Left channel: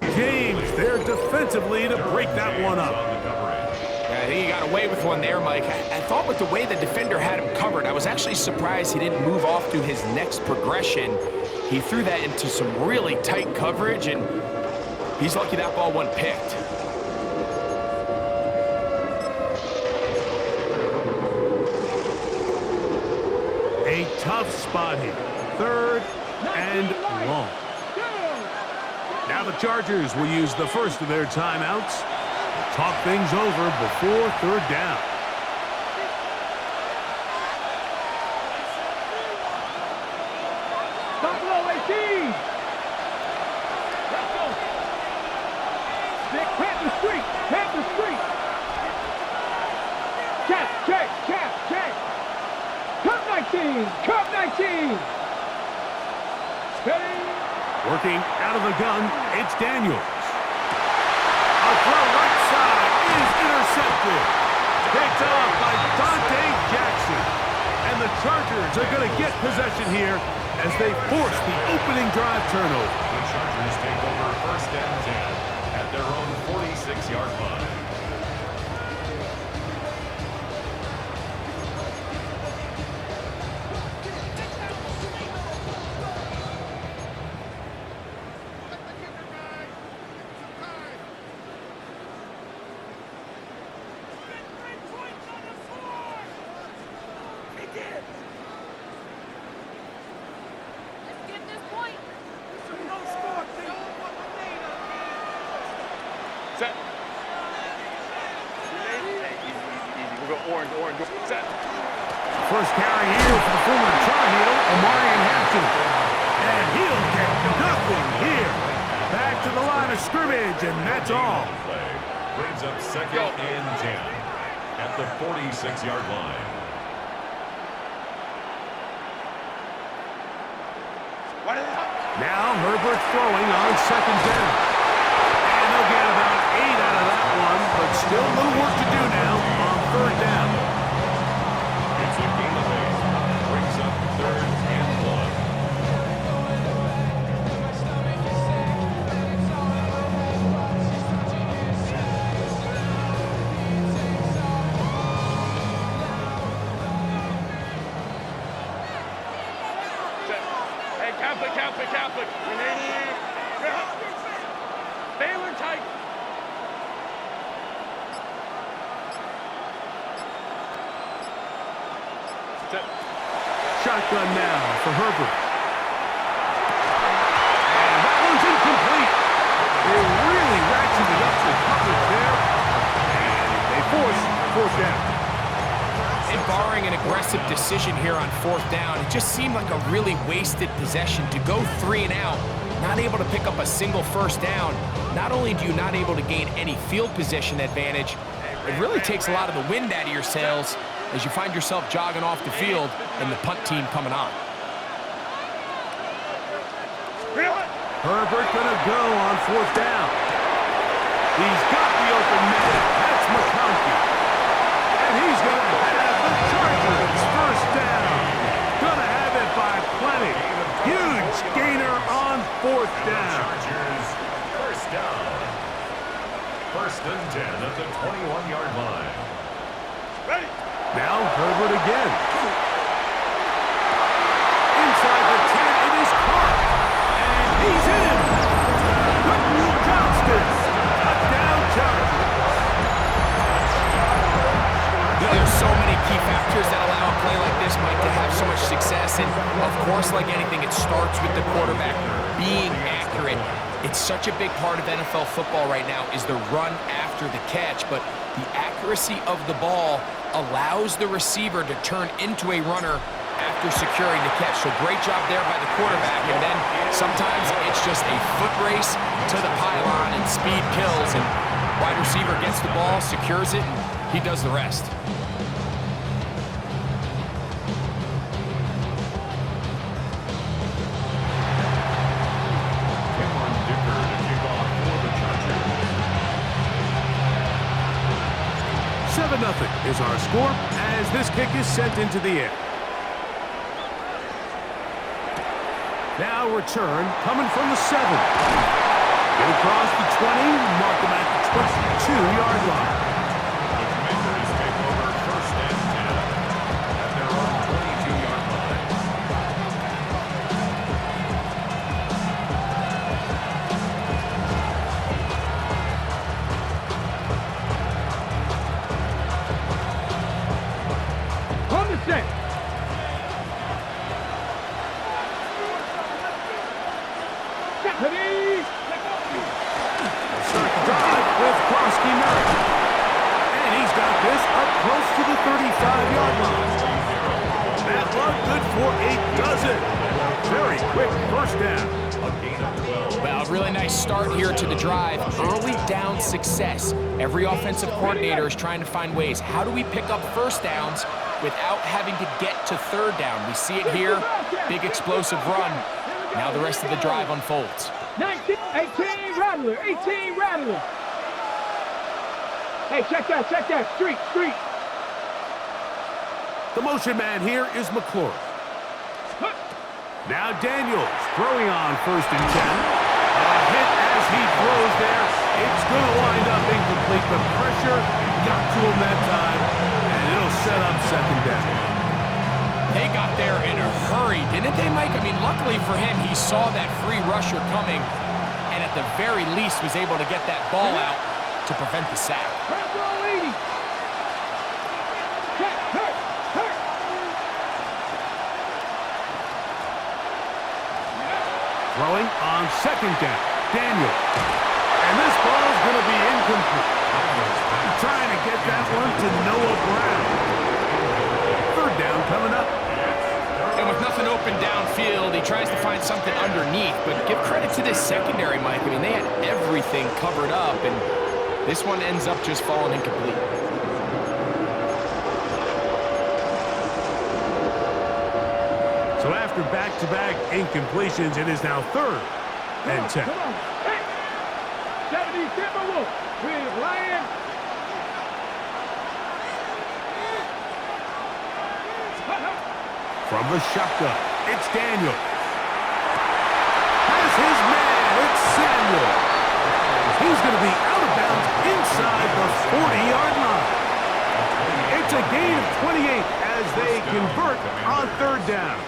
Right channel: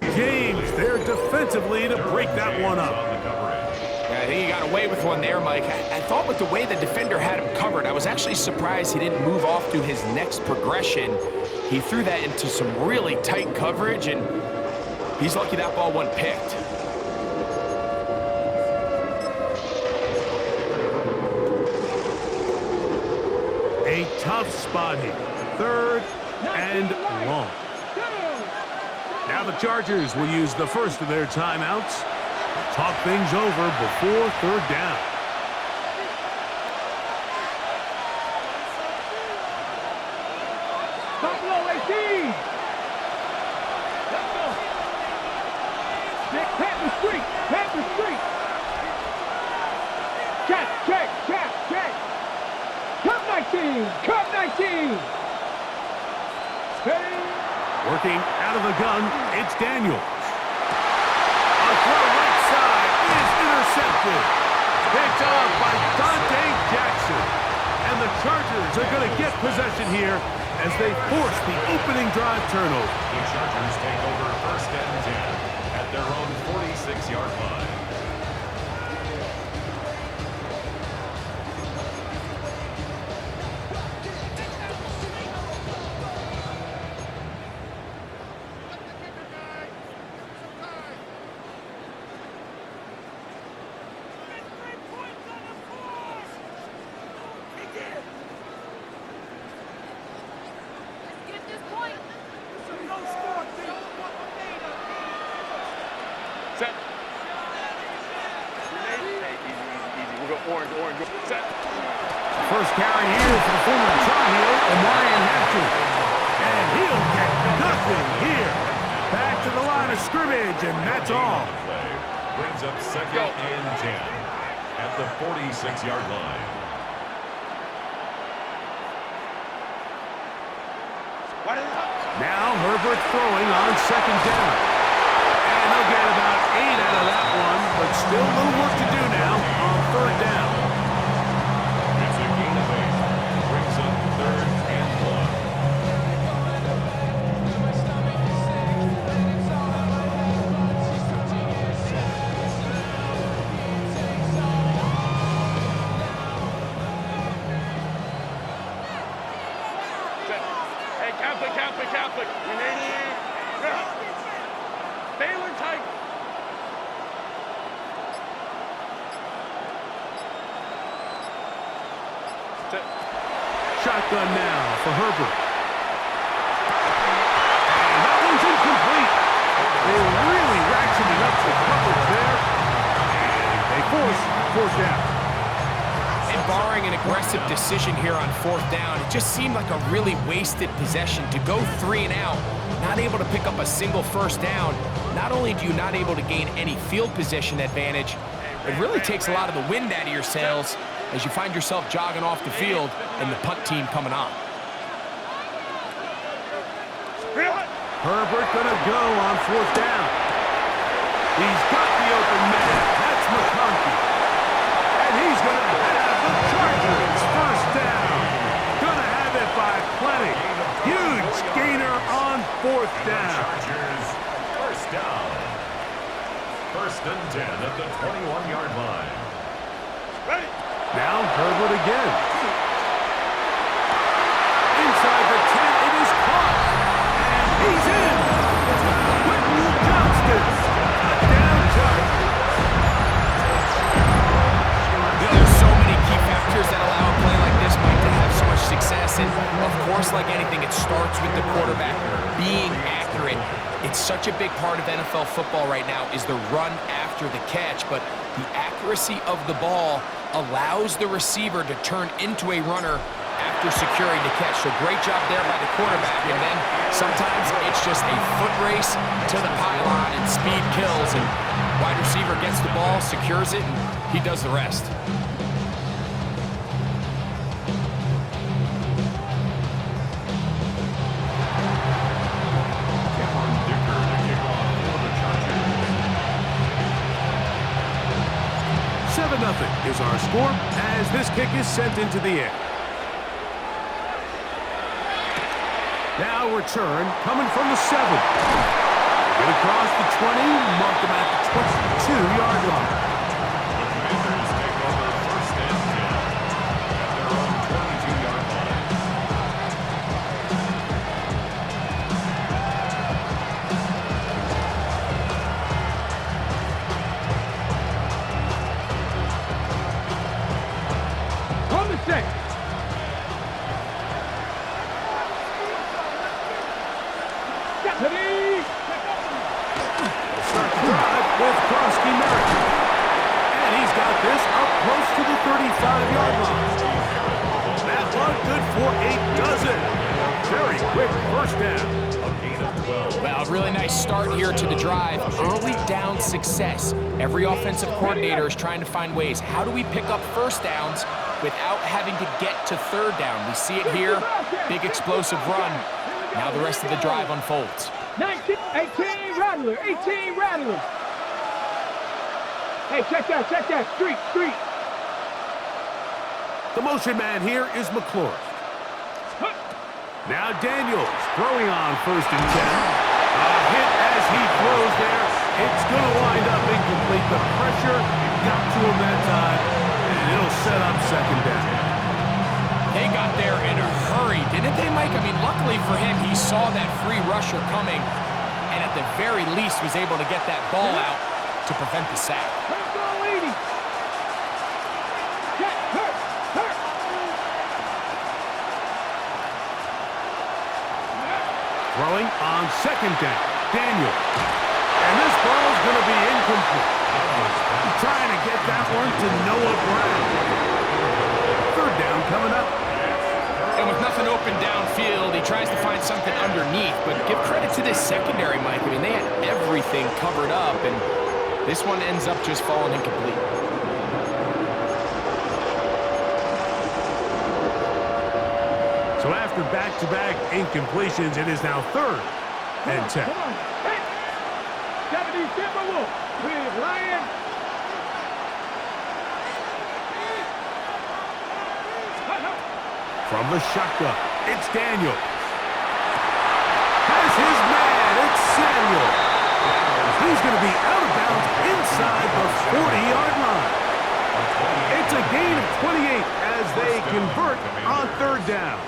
James there defensively to break that one up. Yeah, I think he got away with one there, Mike. I thought with the way the defender had him covered, I was actually surprised he didn't move off to his next progression. He threw that into some really tight coverage, and he's lucky that ball wasn't picked. A tough spot here. 3rd and long. Now the Chargers will use the first of their timeouts to talk things over before 3rd down. Buffalo 18. Let's go. Panther Street. Panther Street. Check. Cup 19. Cup 19. Steady. Working out of the gun, it's Daniels. A throw right side is intercepted. Picked off by Dante Jackson. And the Chargers are going to get possession here as they force the opening drive turnover. The Chargers take over 1st and 10 at their own 46-yard line. First carry here for the former Tar Heel, Omarion Hampton. And he'll get nothing here. Back to the line of scrimmage, and that's all. Brings up 2nd and 10 at the 46-yard line. Now Herbert throwing on 2nd down. And they'll get about 8 out of that one, but still a little work to do now on 3rd down. It's a gain of 8. Brings up 3rd and 1. Catholic. Baylor tight. Shotgun now for Herbert. And that one's incomplete. They really ratcheted up the coverage there. And they force 4th down. And barring an aggressive decision here on 4th down, it just seemed like a really wasted possession to go 3 and out, not able to pick up a single 1st down. Not only do you not able to gain any field position advantage, it really takes a lot of the wind out of your sails as you find yourself jogging off the field and the punt team coming on. Herbert gonna go on 4th down. He's got the open man. That's McConkey. And he's gonna have the Chargers 1st down. Gonna have it by plenty. Huge gainer on 4th down. Chargers 1st down. 1st and 10 at the 21-yard line. Ready. Now Herbert again. Inside the 10, it is caught. And he's in. Quentin Johnston. Touchdown Chargers. You know, there's so many key factors that allow a play like this, Mike, to have so much success. And, of course, like anything, it starts with the quarterback being accurate. It's such a big part of NFL football right now is the run after the catch. But the accuracy of the ball allows the receiver to turn into a runner after securing the catch. So great job there by the quarterback. And then sometimes it's just a foot race to the pylon and speed kills. And wide receiver gets the ball, secures it, and he does the rest. Nothing is our score as this kick is sent into the air. Now return coming from the 7. Get across the 20, mark them at the 22-yard line. The Commanders take over 1st and 10 at their own 22-yard line. On the set. Ready. They'll start the drive with Krosky Merritt. And he's got this up close to the 35-yard line. That one good for a dozen. And a very quick first down. A gain of 12. Well, a really nice start here to the drive. Early down success. Every offensive coordinator is trying to find ways. How do we pick up first downs without having to get to third down? We see it here. Big explosive run. Now the rest of the drive unfolds. 19, 18, Rattler, 18, Rattler. Hey, check that, street. The motion man here is McClure. Now Daniels throwing on 1st and 10. A hit as he throws there. It's going to wind up incomplete. The pressure got to him that time, and it'll set up 2nd down. They got there in a hurry, didn't they, Mike? I mean, luckily for him, he saw that free rusher coming, and at the very least was able to get that ball out to prevent the sack. Throwing on 2nd down. Daniel. And this ball's going to be incomplete. Trying to get that one to Noah Brown. 3rd down coming up. And with nothing open downfield, he tries to find something underneath. But give credit to this secondary, Mike. I mean, they had everything covered up, and this one ends up just falling incomplete. So after back-to-back incompletions, it is now 3rd and 10. Come on. Hey. 70 Timberwolves with Ryan. From the shotgun, it's Daniels. Has his man, it's Samuel. He's going to be out of bounds inside the 40-yard line. It's a gain of 28 as they convert on 3rd down.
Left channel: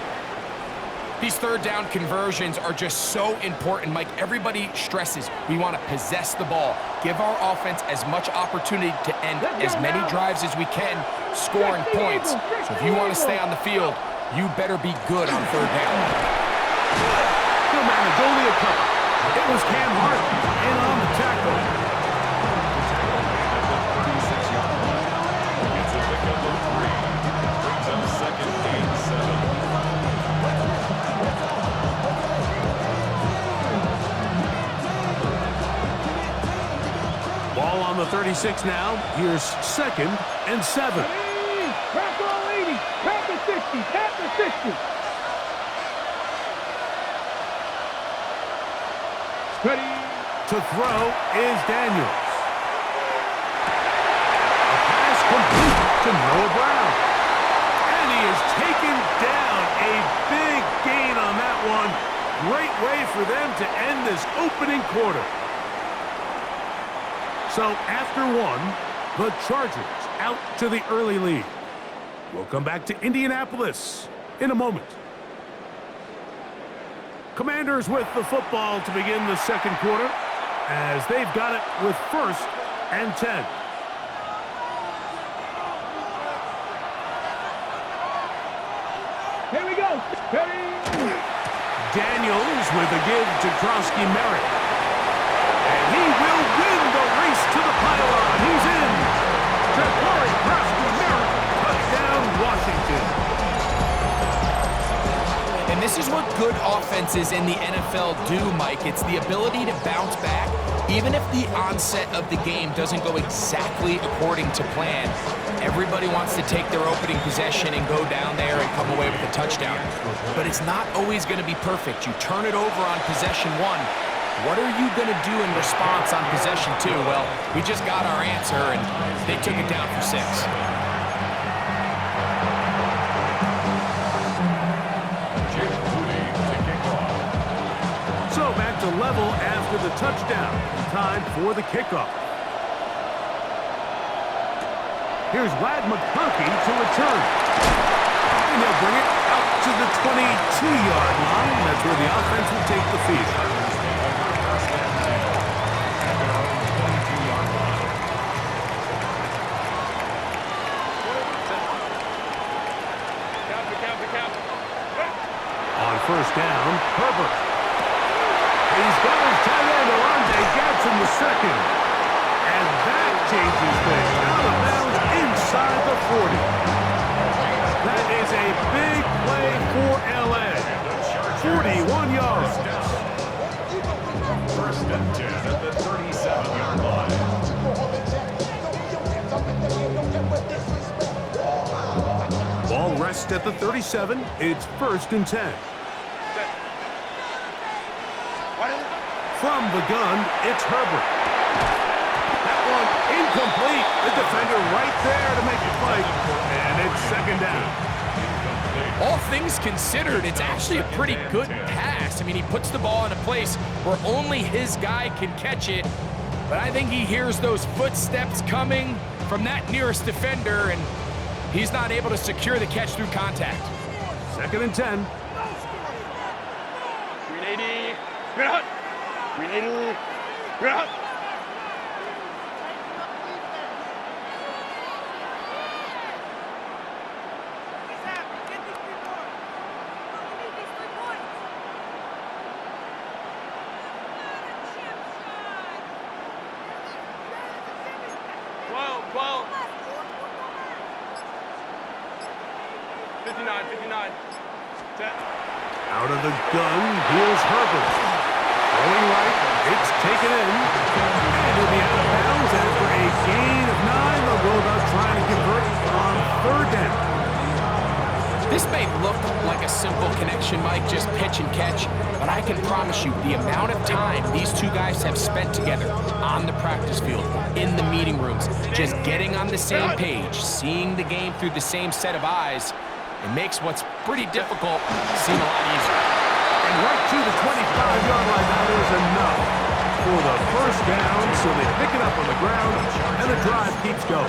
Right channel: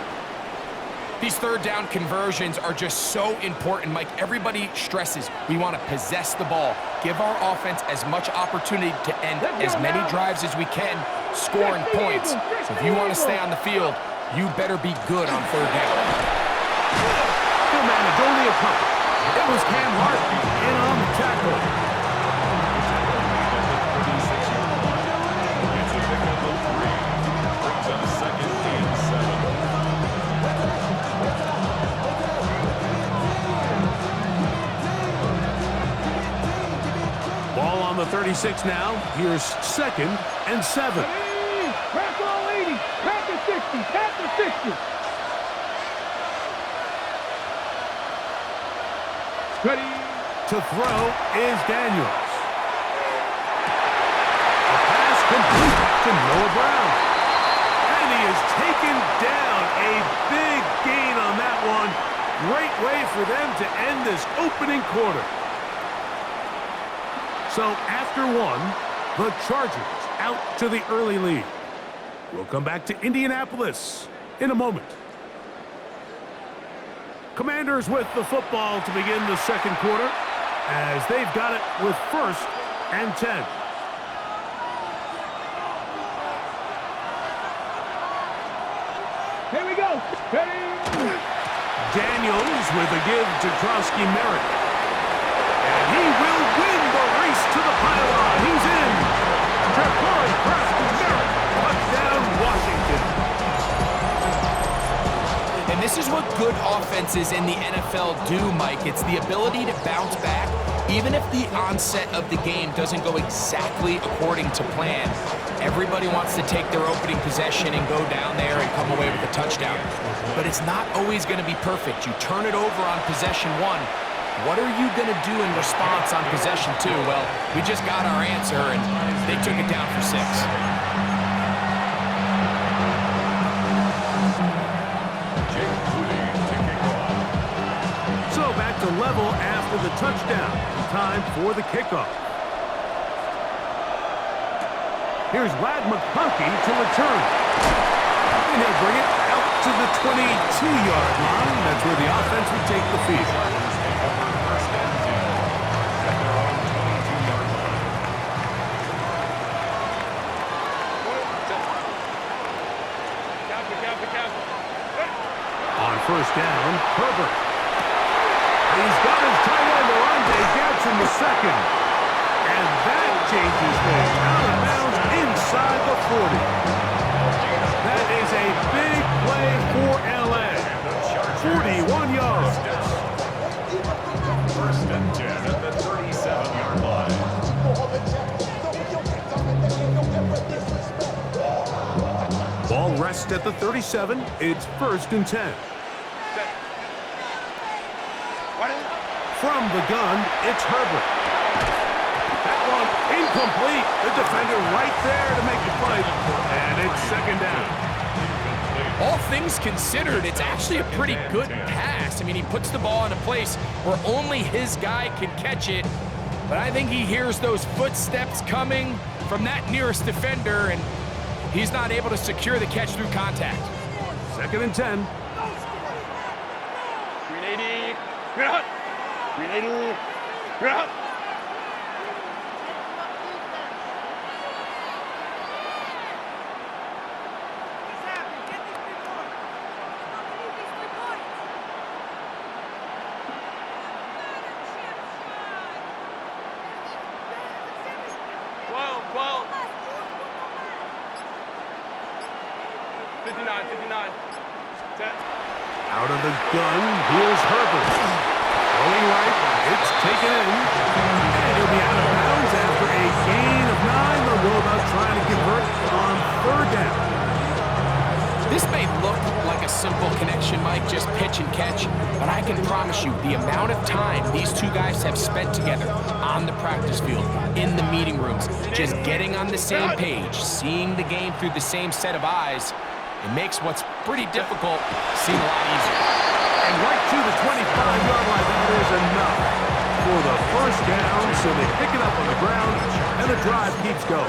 These 3rd down conversions are just so important, Mike. Everybody stresses we want to possess the ball, give our offense as much opportunity to end as many drives as we can, scoring points. So if you want to stay on the field, you better be good on 3rd down. He'll manage only a couple. It was Cam Hart in on the tackle. The tackle made at the 36-yard line. It's a pickup of 3. Brings up 2nd and 7. Ball on the 36 now. Here's 2nd and 7. Crack all 80. Crack the 60. Tap the 60. Ready. To throw is Daniels. A pass complete to Noah Brown. And he is taken down. A big gain on that one. Great way for them to end this opening quarter. So after 1, the Chargers out to the early lead. We'll come back to Indianapolis in a moment. Commanders with the football to begin the 2nd quarter as they've got it with 1st and 10. Here we go. Ready. Daniels with a give to Krosky Merritt. And he will win the race to the pylon. He's in. Ja'Cory Krosky Merritt. Touchdown, Washington. And this is what good offenses in the NFL do, Mike. It's the ability to bounce back, even if the onset of the game doesn't go exactly according to plan. Everybody wants to take their opening possession and go down there and come away with a touchdown. But it's not always going to be perfect. You turn it over on possession 1. What are you going to do in response on possession 2? Well, we just got our answer, and they took it down for 6. So back to level after the touchdown. Time for the kickoff. Here's Lad McConkey to return. And he'll bring it out to the 22-yard line. That's where the offense will take the field. Chargers take over first and 10 at their own 22-yard line. On first down, Herbert. He's got his tight end, Orlando Gadsden the second. And that changes things. Out of bounds inside the 40. That is a big play for L.A. 41 yards. First and 10 at the 37-yard line. Ball rests at the 37. It's first and 10. From the gun, it's Herbert. That one incomplete. The defender right there to make the play. And it's second down. All things considered, it's actually a pretty good pass. I mean, he puts the ball in a place where only his guy can catch it. But I think he hears those footsteps coming from that nearest defender, and he's not able to secure the catch through contact. Second and 10. 380. Good hunt. 380. Good hunt. Out of the gun, here's Herbert. Throwing right, it's taken in. And he'll be out of bounds after a gain of 9. They'll go about trying to convert on third down. This may look like a simple connection, Mike, just pitch and catch, but I can promise you the amount of time these two guys have spent together on the practice field, in the meeting rooms, just getting on the same page, seeing the game through the same set of eyes, it makes what's pretty difficult seem a lot easier. And right to the 25-yard line, that is enough for the first down, so they pick it up on the ground, and the drive keeps going.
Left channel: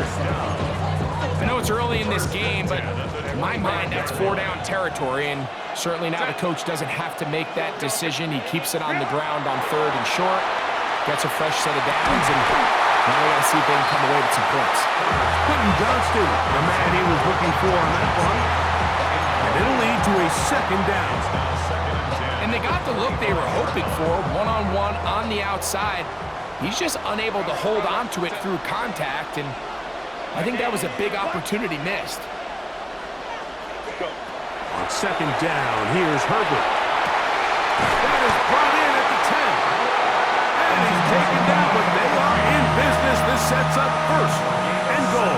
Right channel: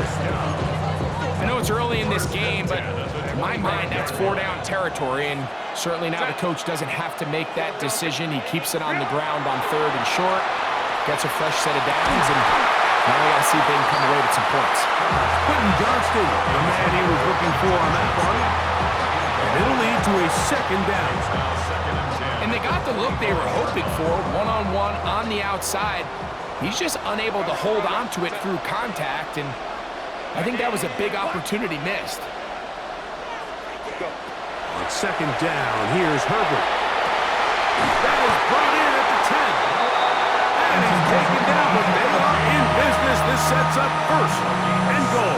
I know it's early in this game, but in my mind, that's 4-down territory, and certainly now the coach doesn't have to make that decision. He keeps it on the ground on third and short, gets a fresh set of downs, and now they got to see if they can come away with some points. Quentin Johnston, the man he was looking for on that one. And it'll lead to a second down. And they got the look they were hoping for, one-on-one on the outside. He's just unable to hold on to it through contact, and I think that was a big opportunity missed. On second down, here's Herbert. That is brought in at the 10. And he's taken down, but they are in business. This sets up first and goal.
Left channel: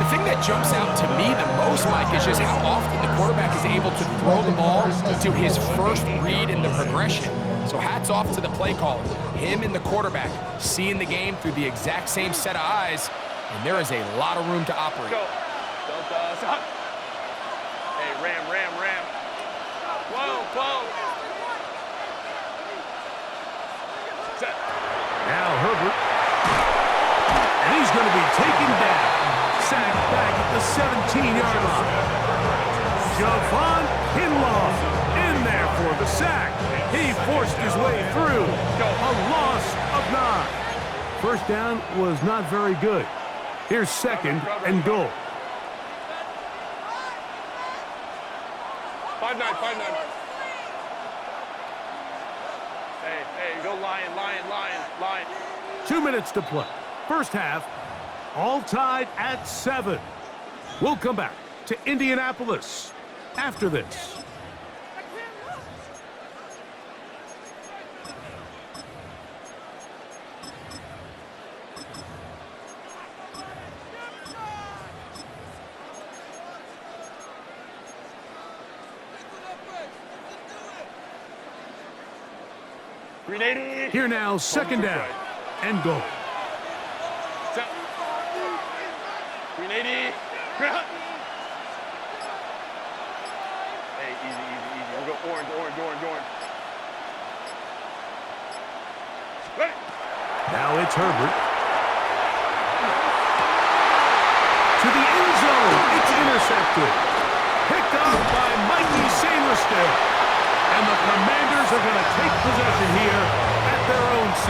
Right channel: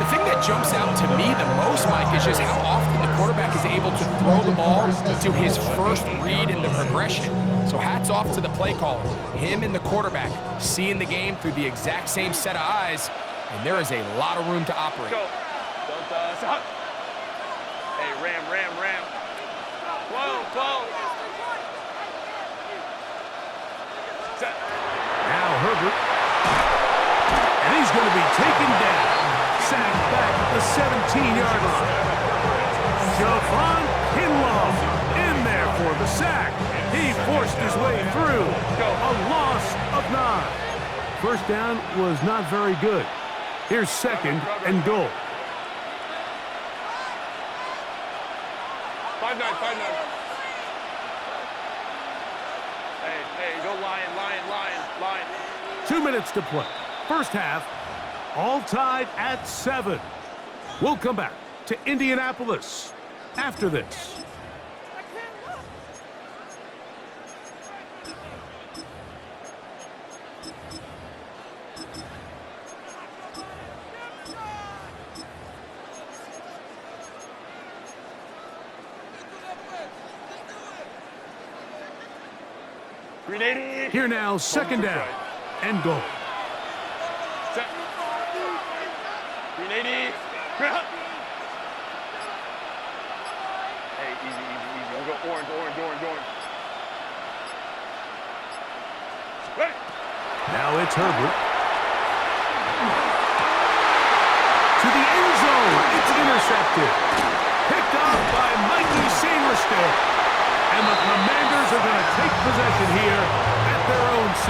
The thing that jumps out to me the most, Mike, is just how often the quarterback is able to throw the ball to his first read in the progression. So hats off to the play caller. Him and the quarterback seeing the game through the exact same set of eyes, and there is a lot of room to operate. Go. Stop. Hey, ram. 12. Set. Now Herbert. And he's going to be taken down. Sacked back at the 17-yard line. Javon Kinlaw in there for the sack. He forced his way through. A loss of 9. First down was not very good. Here's second and goal. 5-9. Hey, go lion. 2 minutes to play. First half, all tied at 7. We'll come back to Indianapolis after this. Here now, second down and goal. Set. 380. Hey, easy. We'll go orange. Now it's Herbert. To the end zone. It's intercepted. Picked up by Mikey Sainristil. And the Commanders are going to take possession here at their own 6.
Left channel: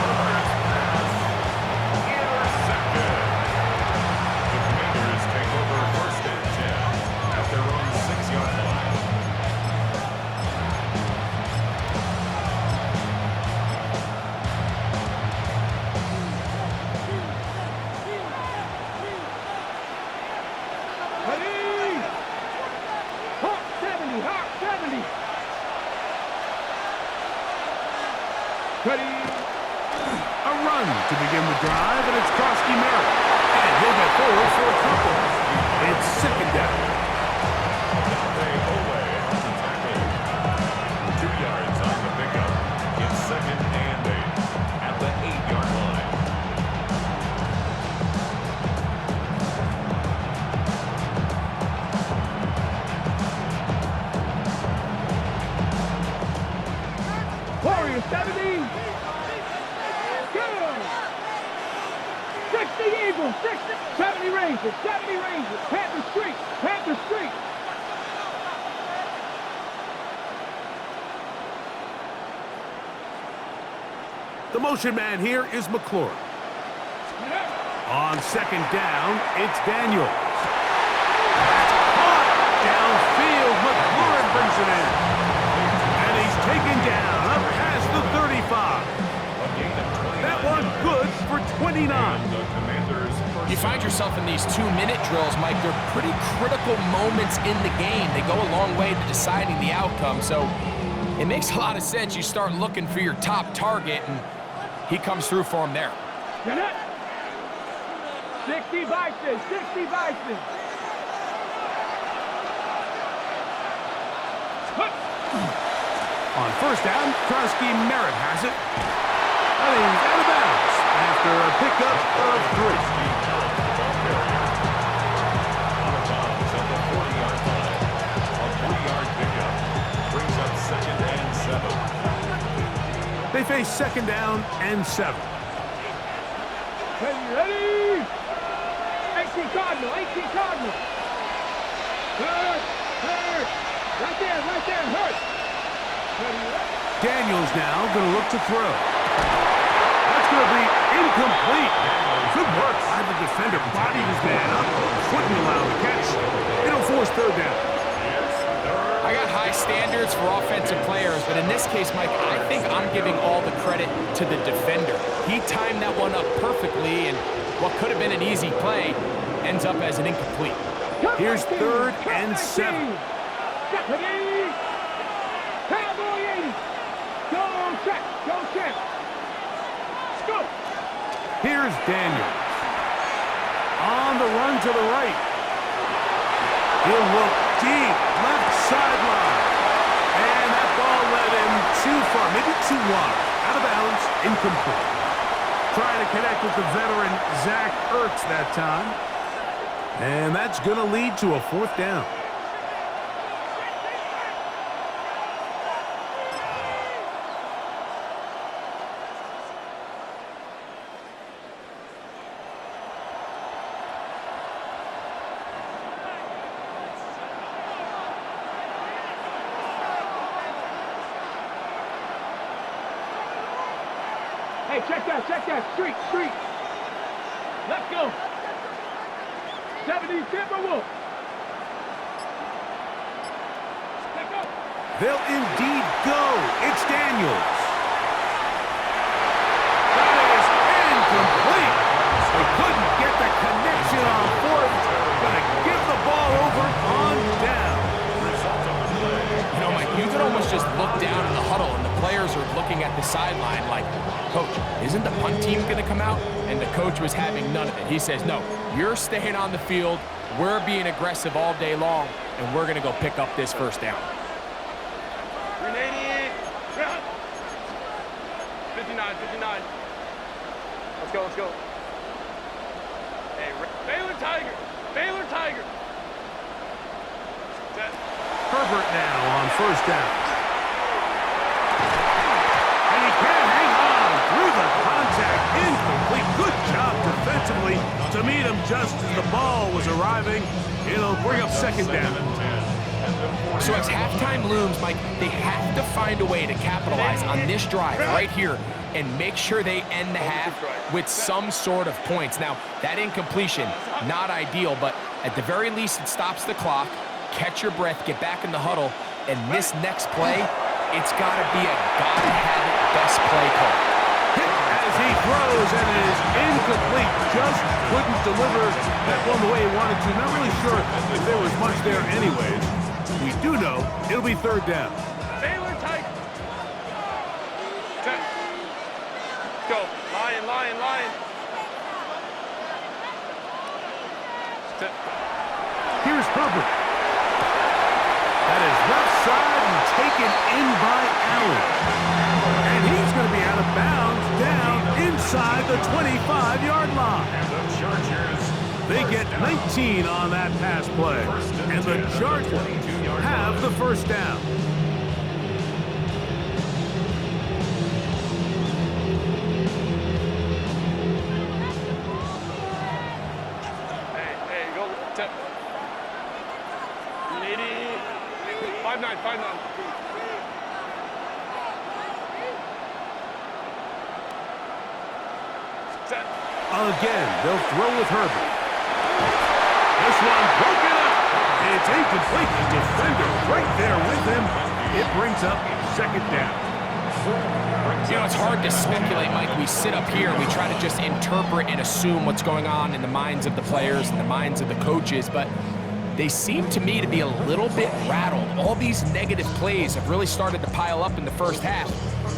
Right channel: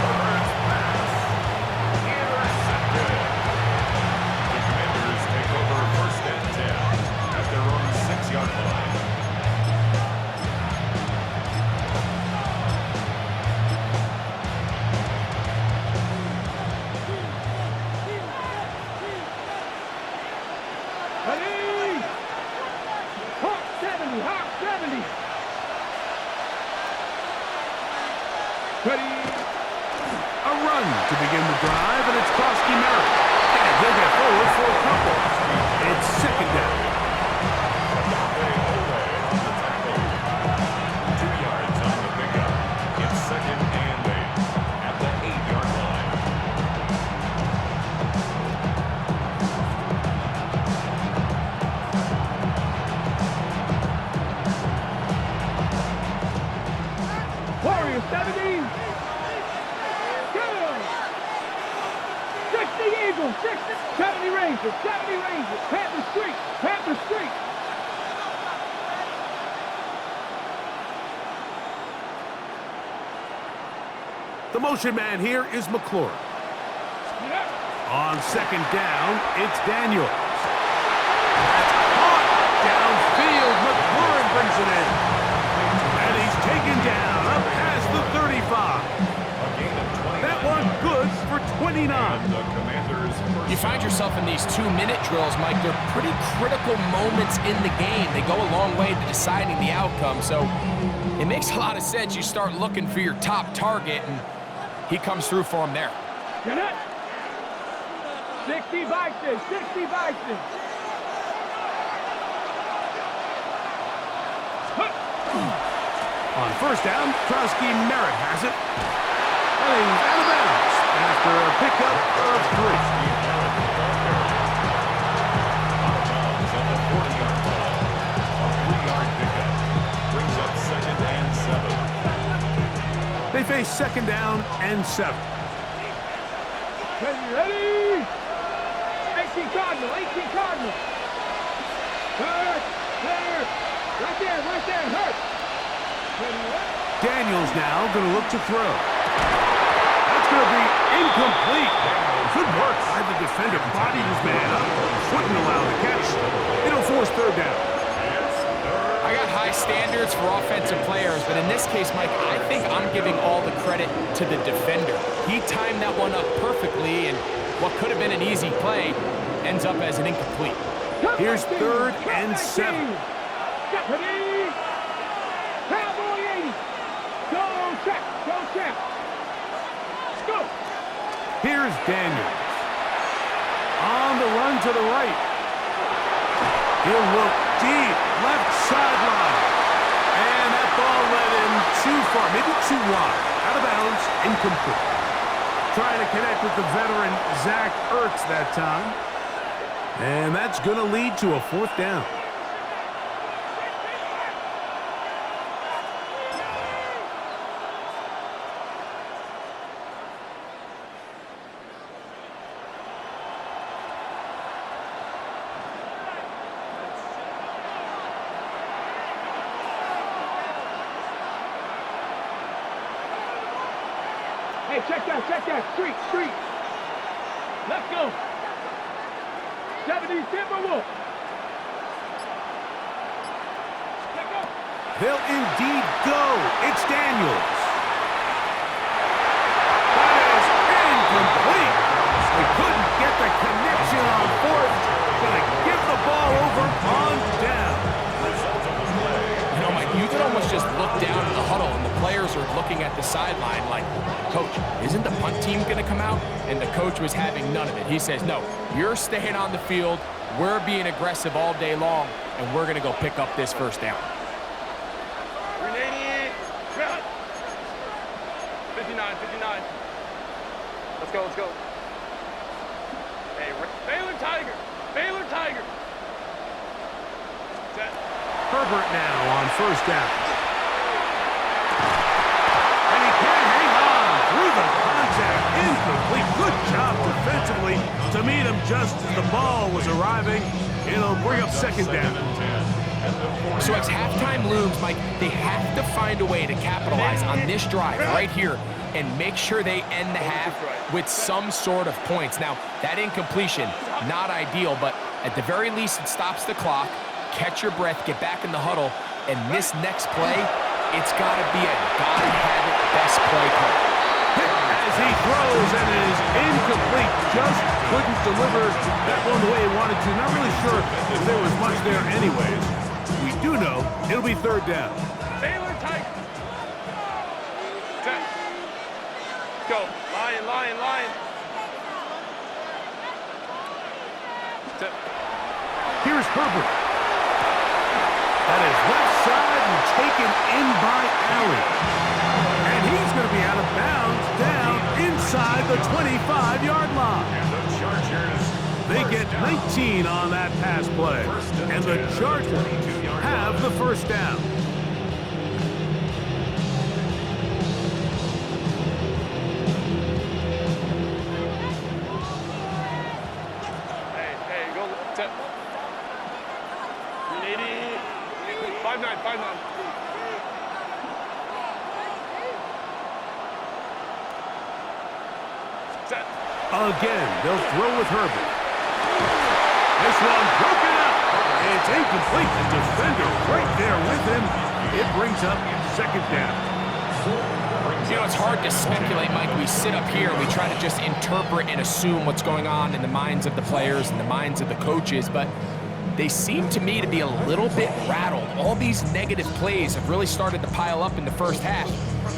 Herbert's pass intercepted. The Commanders take over 1st and 10 at their own 6-yard line. Ready? Hawk 70, Hawk 70. Ready? A run to begin the drive, and it's Krosky Merritt. And he'll get forward for a couple. It's 2nd down. Adafe Ole on the tackle. 2 yards on the pickup. It's 2nd and 8 at the 8-yard line. Warriors 70. Go. 60 Eagles, 60. 70 Rangers, 70 Rangers. Panther Street, Panther Street. The motion man here is McLaurin. Get up. On 2nd down, it's Daniels. That's caught downfield. McLaurin brings it in. And he's taken down up past the 35. A gain of 29 That one yards. good for 29. And the Commanders first You find down. yourself in these 2-minute drills, Mike. They're pretty critical moments in the game. They go a long way to deciding the outcome. So it makes a lot of sense. You start looking for your top target, and he comes through for him there. Get up. 60 Bison, 60 Bison. On 1st down, Krosky Merritt has it. And he's out of bounds after a pickup of 3. Steve Merritt, the ball carrier. Out of bounds at the 40-yard line. A 3-yard pickup brings up 2nd and 7. They face 2nd down and 7. Ready? 18 Cardinal, 18 Cardinal. Hurt. Right there, hurt. Ready? Daniels now going to look to throw. That's going to be incomplete. Good work by the defender. Bodied his man up. Wouldn't allow the catch. It'll force 3rd down. I got high standards for offensive players, but in this case, Mike, I think I'm giving all the credit to the defender. He timed that one up perfectly, and what could have been an easy play ends up as an incomplete. Here's 3rd and 7. Ready? Cowboy 80. Go check. Go. Here's Daniels. On the run to the right. He'll look deep, left sideline. And that ball led him too far, maybe too wide. Out of bounds, incomplete. Trying to connect with the veteran Zach Ertz that time. And that's going to lead to a 4th down. Hey, check that. Street. Let's go. 70 Timberwolves. Let's go. They'll indeed go. It's Daniels. That is incomplete. They couldn't get the connection on 4th. Gonna give the ball over on down. Result of the play. You know, Mike, you could almost just look down in the huddle, and the players are looking at the sideline like, Coach, isn't the punt team going to come out? And the coach was having none of it. He says, no, you're staying on the field. We're being aggressive all day long, and we're going to go pick up this 1st down. 59. Let's go. Hey, Baylor Tiger. Set. Herbert now on 1st down. And he can't with a contact incomplete. Good job defensively to meet him just as the ball was arriving. It'll bring up second down. So as halftime looms, Mike, they have to find a way to capitalize on this drive right here and make sure they end the half with some sort of points. Now, that incompletion, not ideal, but at the very least, it stops the clock. Catch your breath, get back in the huddle, and this next play, it's got to be a gotta-have-it best play call. As he throws, and it is incomplete. Just couldn't deliver that one the way he wanted to. Not really sure if there was much there anyways. We do know it'll be third down. Baylor Tigers. Okay. Let's go. Lion, lion, lion. Set. Here's Herbert. That is left side and taken in by Allen. And he's going to be out of bounds down inside the 25-yard line. And the Chargers, They get 19 on that pass play. And the Chargers have the first down. Hey, go. Set. 380. 5-9, 5-9. Set. Again, they'll throw with Herbert. This one broken up. It's incomplete. The defender right there with him. It brings up second down. You know, it's hard to speculate, Mike. We sit up here and we try to just interpret and assume what's going on in the minds of the players and the minds of the coaches, but they seem to me to be a little bit rattled. All these negative plays have really started to pile up in the first half.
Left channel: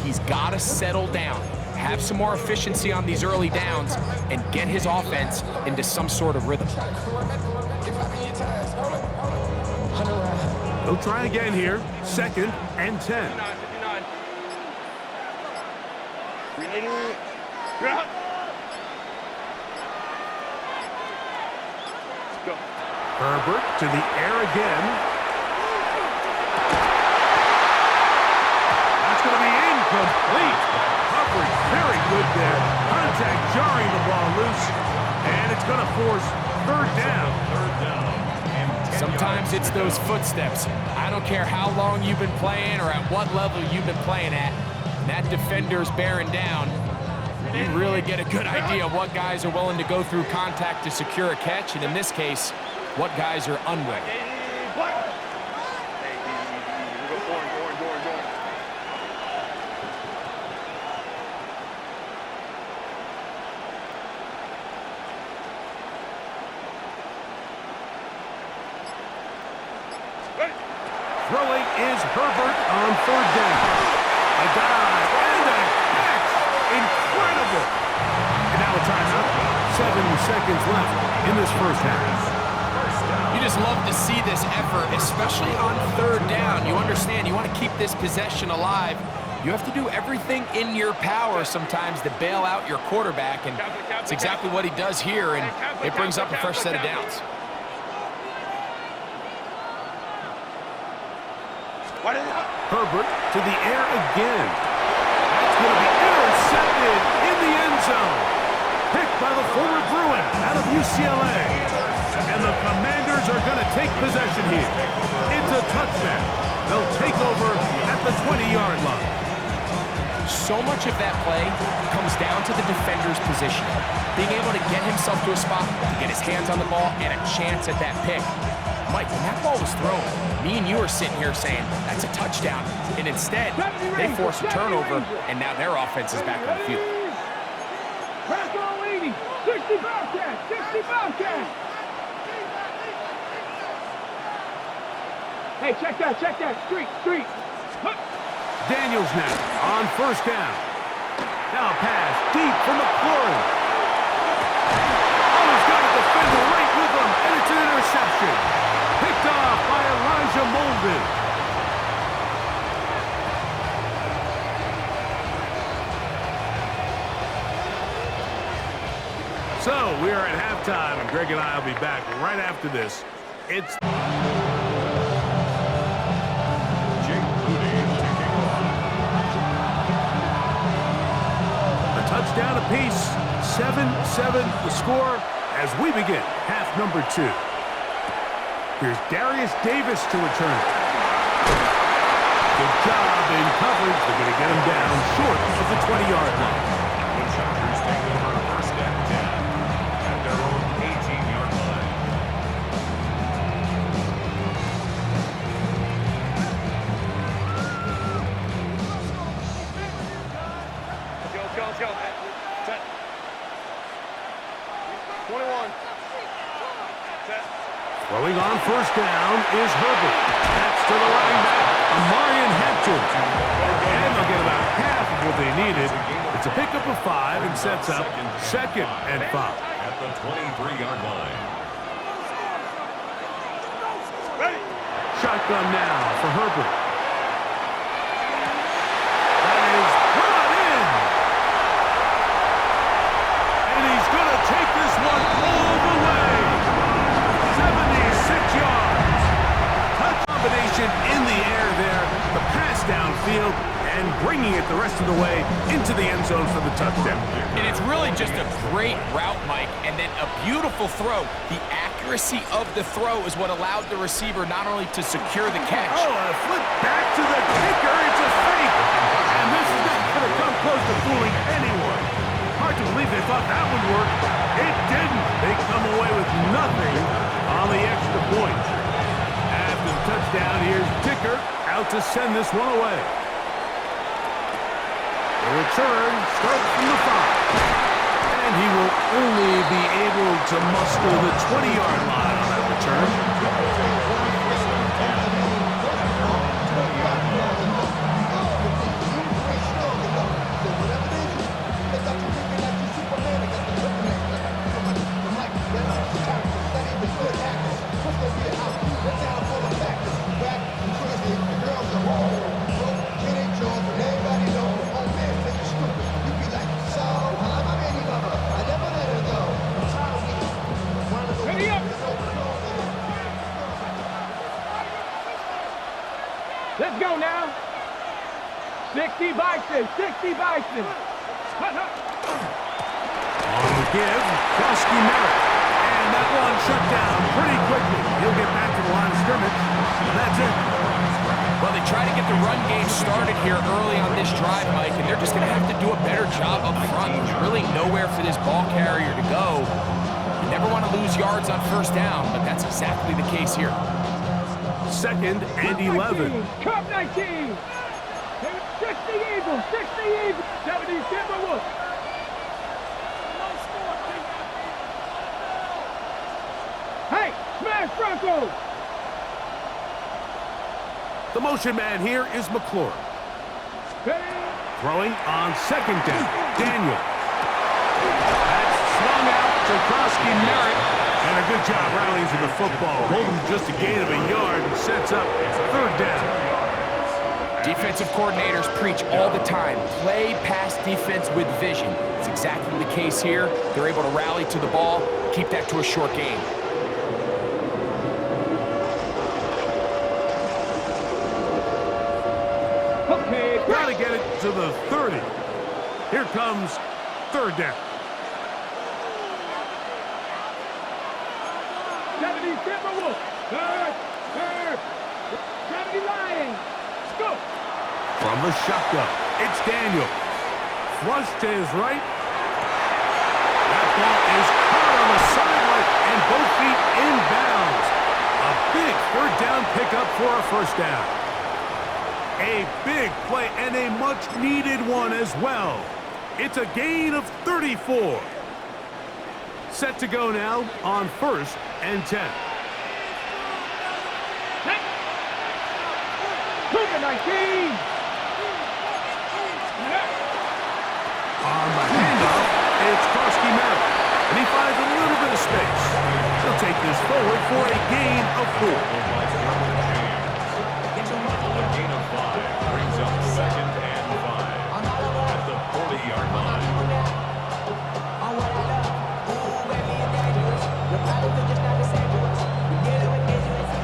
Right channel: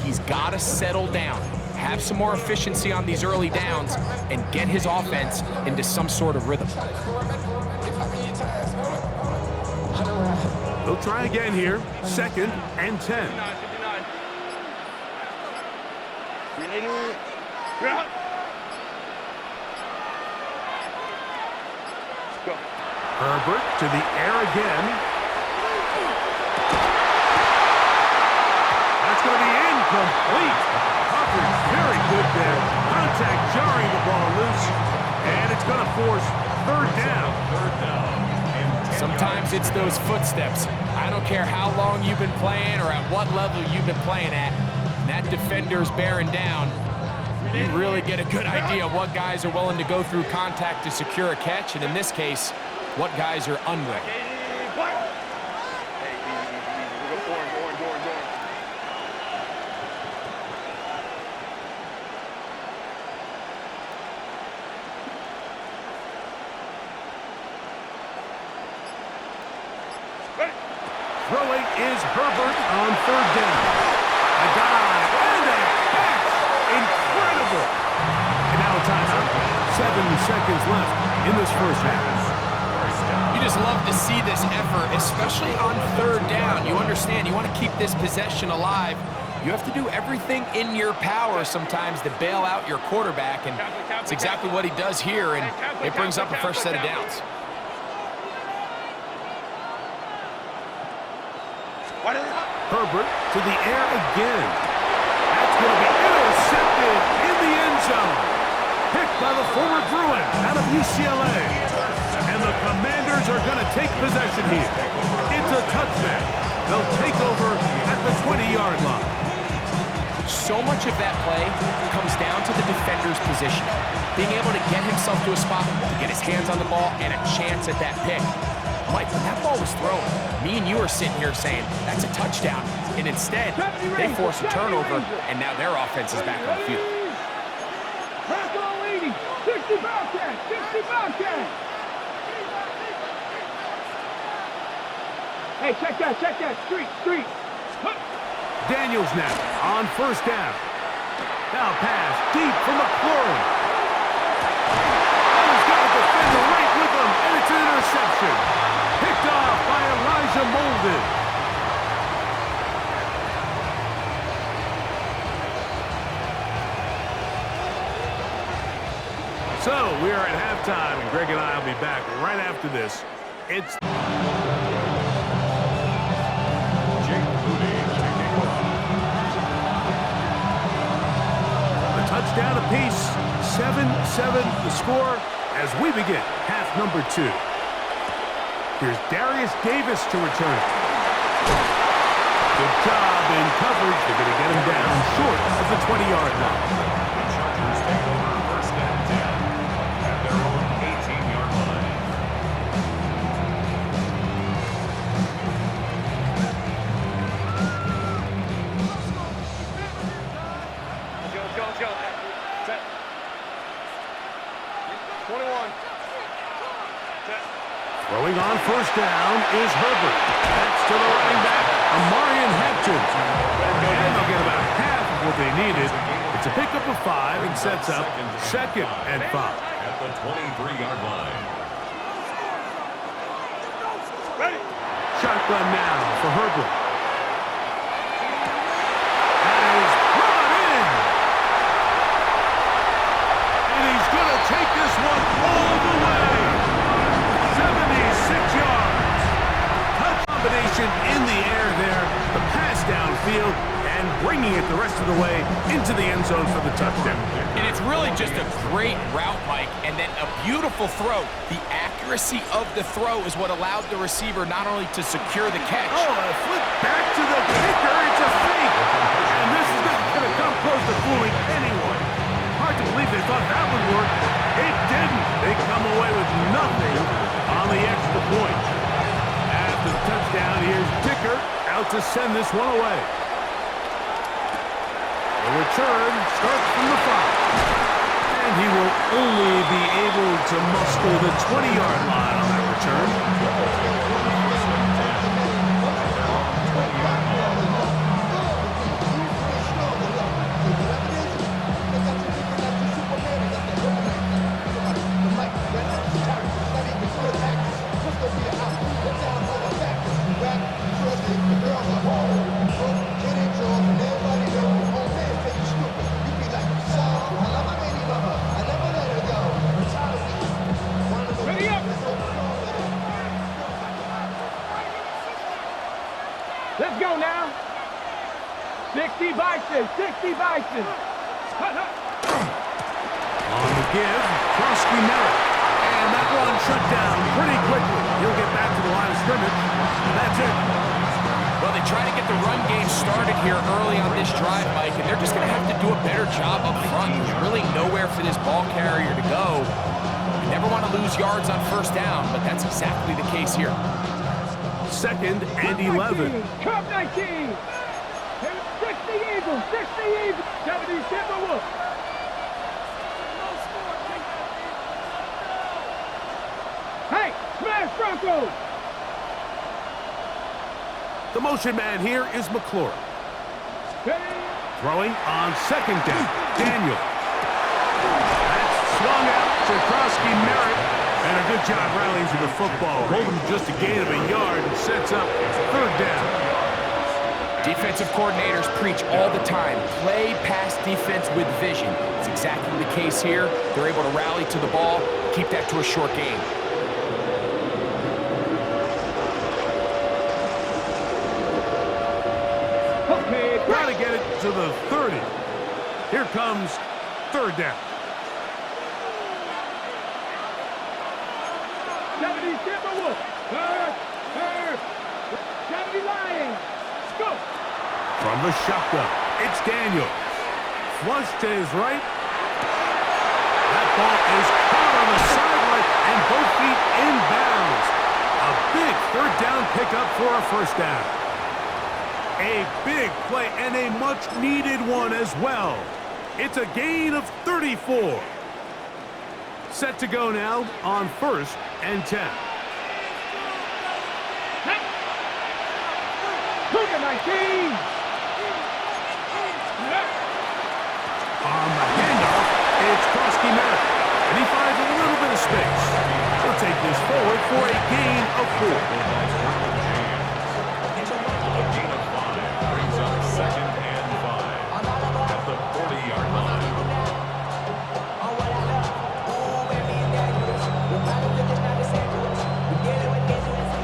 He's got to settle down, have some more efficiency on these early downs, and get his offense into some sort of rhythm. They'll try again here. Second and 10. 59, 59. 380. You're out. Let's go. Herbert to the air again. That's going to be incomplete. Coverage very good there. Contact jarring the ball loose. And it's going to force third down. third down. And 10 Sometimes yards it's to go. those footsteps. I don't care how long you've been playing or at what level you've been playing at. When that defender's bearing down, you really get a good idea of what guys are willing to go through contact to secure a catch, and in this case, what guys are unwilling. Hey, black. Hey, easy. We go orange. Ready. Throwing is Herbert on third down. A dive and a catch. Incredible. And now a timeout. 7 seconds left in this first half. You just love to see this effort, especially on third down. You understand, you want to keep this possession alive. You have to do everything in your power sometimes to bail out your quarterback, and it's exactly what he does here, and it brings up a fresh set of downs. Herbert to the air again. That's going to be intercepted in the end zone. Picked by the former Bruin out of UCLA. And the Commanders are going to take possession here. It's a touchdown. They'll take over at the 20-yard line. So much of that play comes down to the defender's position. Being able to get himself to a spot, to get his hands on the ball, and a chance at that pick. Mike, when that ball was thrown, me and you are sitting here saying, that's a touchdown. And instead, they force a turnover, and now their offense is back on the field. Crack all 80. 60 Bobcat. 60 Bobcat. Hey, check that. Street. Hup. Daniels now on first down. Now pass deep for McLaurin. Oh, he's got a defender right with him, and it's an interception. Picked off by Elijah Molden. So we are at halftime, and Greg and I will be back right after this. It's down apiece. 7-7 the score as we begin half number 2. Here's Darius Davis to return. Good job in coverage. They're going to get him down short of the 20-yard line. The Chargers take over first and 10 at their own 18-yard line. Let's go. Set. 21. Set. Throwing on first down is Herbert. That's to the running back, Amarian Hampton. And they'll get about half of what they needed. It's a pickup of 5 and sets up 2nd and 5. At the 23-yard line. Ready. Shotgun now for Herbert. That is brought in. And he's going to take this one all the way. 76 yards. Touch combination in the air there. The pass downfield and bringing it the rest of the way into the end zone for the touchdown. And it's really just a great route, Mike, and then a beautiful throw. The accuracy of the throw is what allowed the receiver not only to secure the catch. Oh, a flip back to the kicker. It's a fake. And this is not going to come close to fooling anyone. Hard to believe they thought that would work. It didn't. They come away with nothing on the extra point. After the touchdown, here's Dicker out to send this one away. The return starts from the 5. And he will only be able to muster the 20-yard line on that return. First and 10 at their own 20-yard line. Ready up. Let's go now. 60 Bison. 60 Bison. Hut, hut. On the give, Krosky Merritt. And that one shut down pretty quickly. He'll get back to the line of scrimmage. And that's it. Well, they try to get the run game started here early on this drive, Mike, and they're just going to have to do a better job up front. There's really nowhere for this ball carrier to go. You never want to lose yards on first down, but that's exactly the case here. 2nd and 11. Cup 19. 60 Eagles. 60 Eagles. 70 Timberwolves. Hey, smash Broncos. The motion man here is McLaurin. Ready. Throwing on 2nd down, Daniel. That's swung out to Krosky Merritt. And a good job rallying to the football. Holding just a gain of a yard and sets up 3rd down. Defensive coordinators preach all the time, play pass defense with vision. It's exactly the case here. They're able to rally to the ball, keep that to a short game. Okay, Got to get it to the 30. Here comes 3rd down. 70 Timberwolves. Third. 70 Lions. Go. From the shotgun, it's Daniel. Flush to his right. That ball is caught on the sideline and both feet inbounds. A big 3rd down pickup for a 1st down. A big play and a much-needed one as well. It's a gain of 34. Set to go now on 1st and 10. Cougar 19. On the handoff, it's Krosky Merritt. And he finds a little bit of space. He'll take this forward for a gain of 4. A gain of 5 brings up 2nd and 5 at the 40-yard line.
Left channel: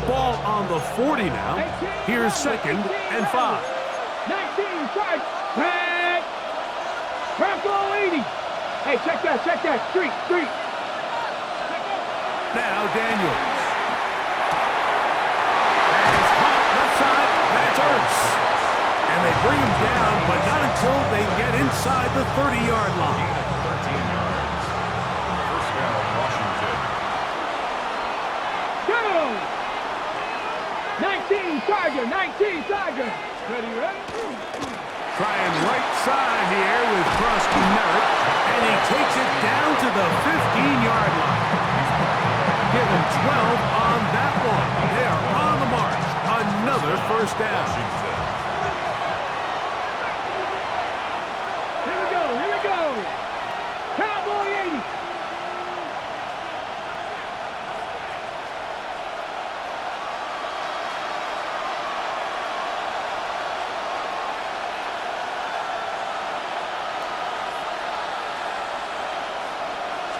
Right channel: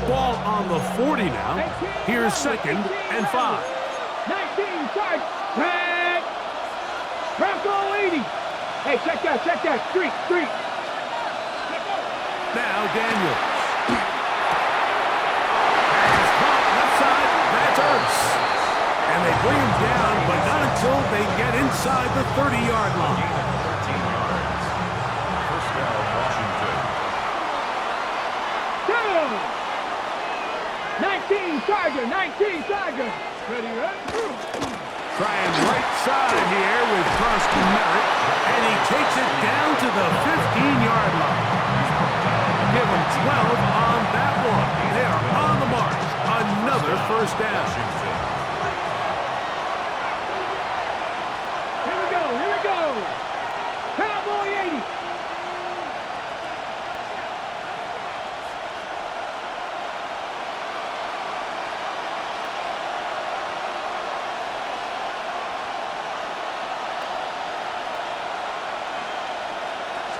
Ball on the 40 now. Here's 2nd and 5. 19 strikes. Tag. Bronco 80. Hey, check that. Street. Now Daniels. Pass caught left side. That's Ertz. And they bring him down, but not until they get inside the 30-yard line. Gain of 13 yards. First down, Washington. Down. 19 Tiger. Ready, ready? Trying right side here with Krusty Merritt, and he takes it down to the 15-yard line. Give him 12 on that one. They are on the march. Another first down. Here we go. Cowboy 80.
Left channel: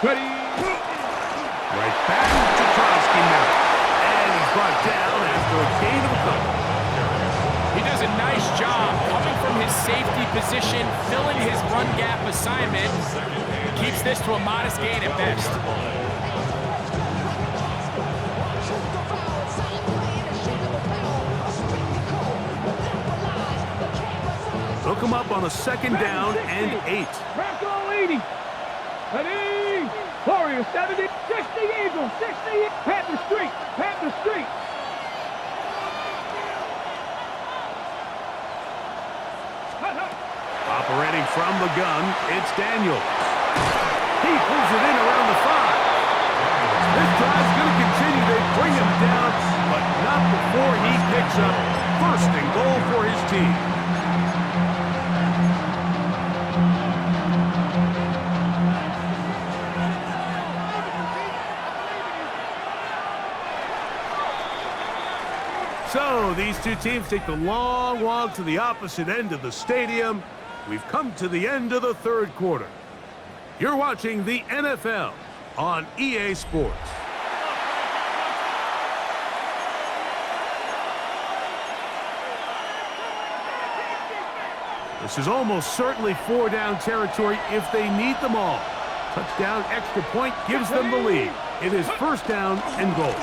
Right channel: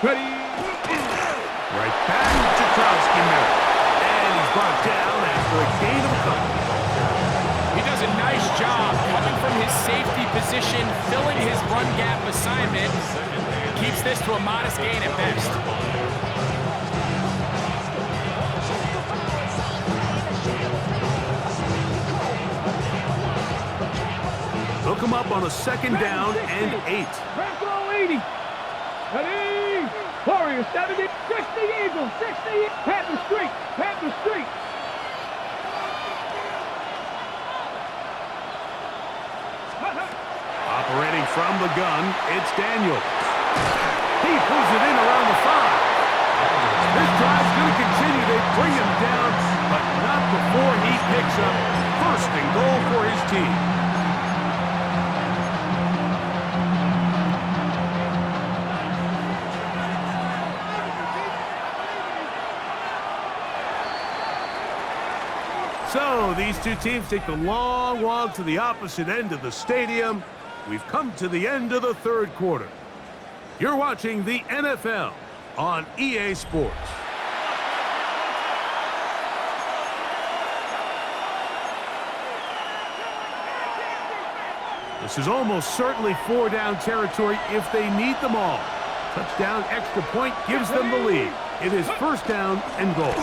Ready. Right back to Krusty Merritt. And he's brought down after a gain of a couple. He does a nice job coming from his safety position, filling his run gap assignment. Keeps this to a modest gain at best. Hook him up on a second down and 8. Bronco 80. Ready. Warrior 70. 60 Eagles. 60. Panther Street. Operating from the gun, it's Daniels. He pulls it in around the 5. This drive's going to continue. They bring him down, but not before he picks up first and goal for his team. So these two teams take the long walk to the opposite end of the stadium. We've come to the end of the third quarter. You're watching the NFL on EA Sports. This is almost certainly 4-down territory if they need them all. Touchdown, extra point gives them the lead. It is first down and goal.